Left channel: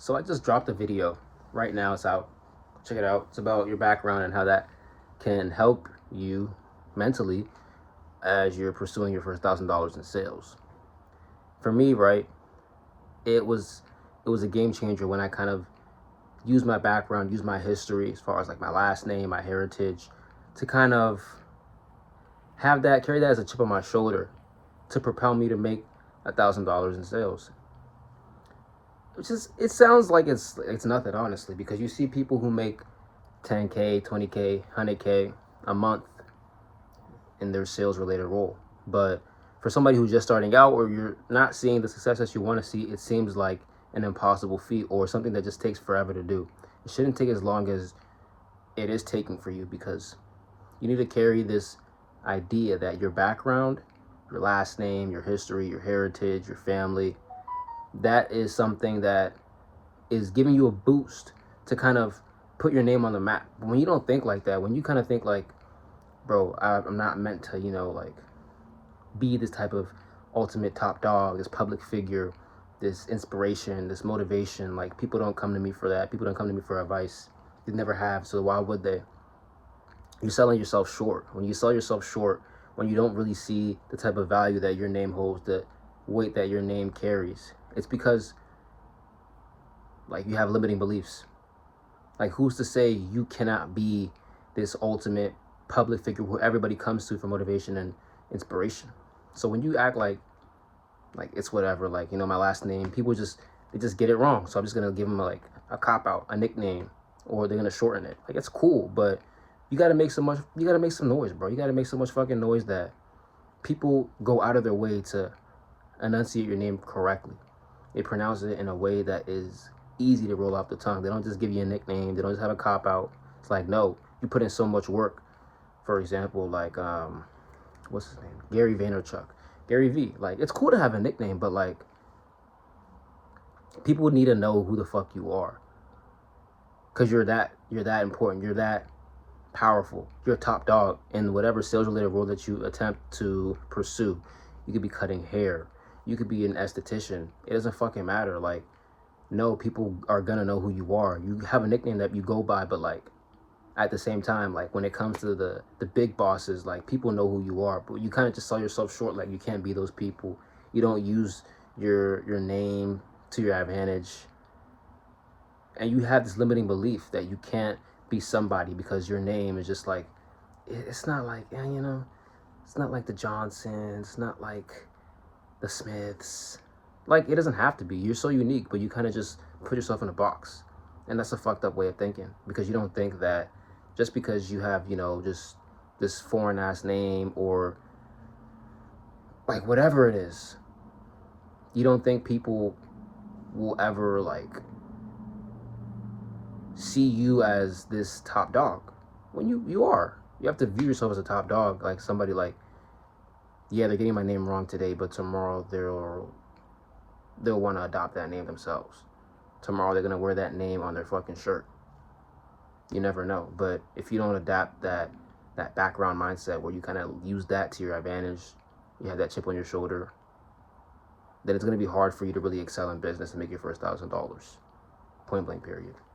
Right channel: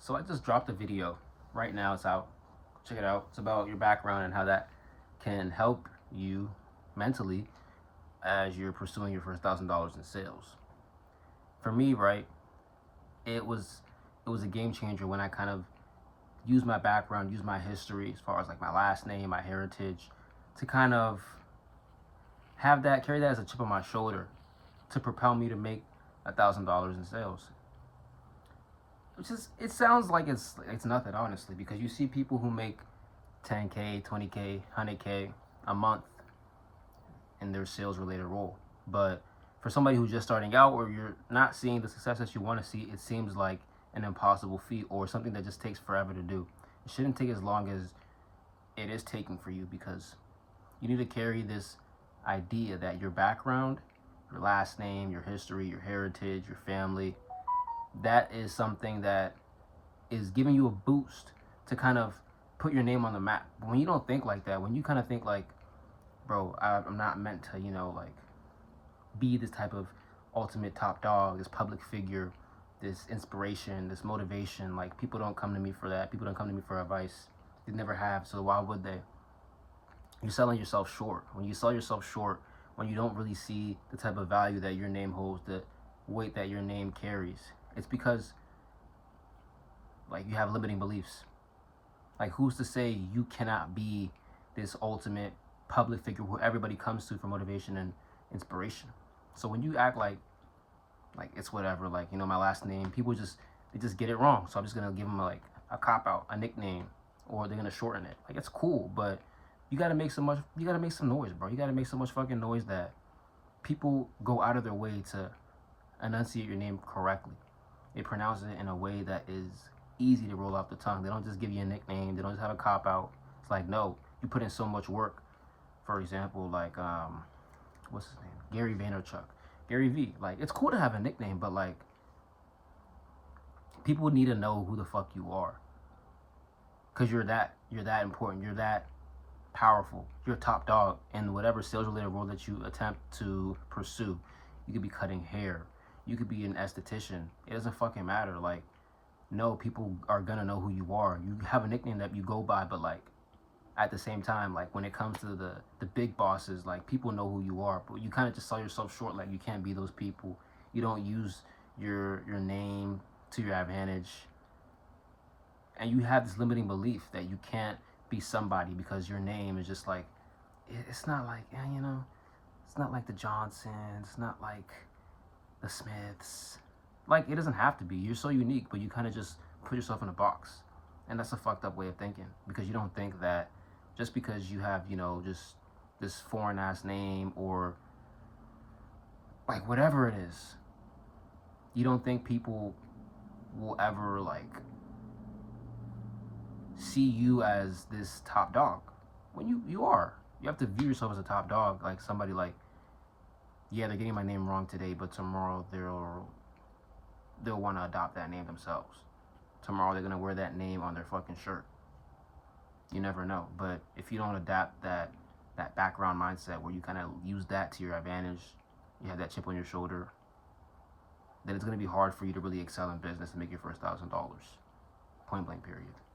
So I just dropped a video. Right now it's out. Check it out. It's about your background and how that can help you mentally as you're pursuing your first $1,000 in sales. For me, right, it was a game changer when I kind of used my background, used my history as far as like my last name, my heritage, to kind of have that, carry that as a chip on my shoulder to propel me to make $1,000 in sales. Which is, it sounds like it's nothing, honestly, because you see people who make 10K, 20K, 100K a month in their sales related role. But for somebody who's just starting out, or you're not seeing the success that you want to see, it seems like an impossible feat or something that just takes forever to do. It shouldn't take as long as it is taking for you, because you need to carry this idea that your background, your last name, your history, your heritage, your family, that is something that is giving you a boost to kind of put your name on the map. When you don't think like that, when you kind of think like, bro, I'm not meant to, like be this type of ultimate top dog, this public figure, this inspiration, this motivation. Like, people don't come to me for that. People don't come to me for advice. They never have, so why would they? You're selling yourself short. When you sell yourself short, when you don't really see the type of value that your name holds, the weight that your name carries, it's because like you have limiting beliefs. Like, who's to say you cannot be this ultimate public figure who everybody comes to for motivation and inspiration? So when you act like it's whatever, like, my last name, people they just get it wrong. So I'm just gonna give them like a cop out, a nickname, or they're gonna shorten it. Like, it's cool, but you gotta make some noise, bro. You gotta make so much fucking noise that people go out of their way to enunciate your name correctly. They pronounce it in a way that is easy to roll off the tongue. They don't just give you a nickname. They don't just have a cop out. It's like, no, you put in so much work. For example, like what's his name? Gary Vaynerchuk. Gary V. Like, it's cool to have a nickname, but like, people need to know who the fuck you are. Cause you're that important. You're that powerful. You're a top dog in whatever sales related role that you attempt to pursue. You could be cutting hair. You could be an esthetician. It doesn't fucking matter. Like, no, people are gonna know who you are. You have a nickname that you go by, but like, at the same time, like, when it comes to the big bosses, like, people know who you are, but you kind of just sell yourself short. Like, you can't be those people. You don't use your name to your advantage, and you have this limiting belief that you can't be somebody because your name is just like, it's not like, it's not like the Johnsons, it's not like the Smiths. Like, it doesn't have to be. You're so unique, but you kind of just put yourself in a box. And that's a fucked up way of thinking, because you don't think that just because you have, just this foreign ass name, or like whatever it is, you don't think people will ever like see you as this top dog, when you are. You have to view yourself as a top dog, like somebody like, yeah, they're getting my name wrong today, but tomorrow they'll want to adopt that name themselves. Tomorrow they're gonna wear that name on their fucking shirt. You never know. But if you don't adapt that background mindset where you kind of use that to your advantage, you have that chip on your shoulder, then it's gonna be hard for you to really excel in business and make your first $1,000. Point blank, period.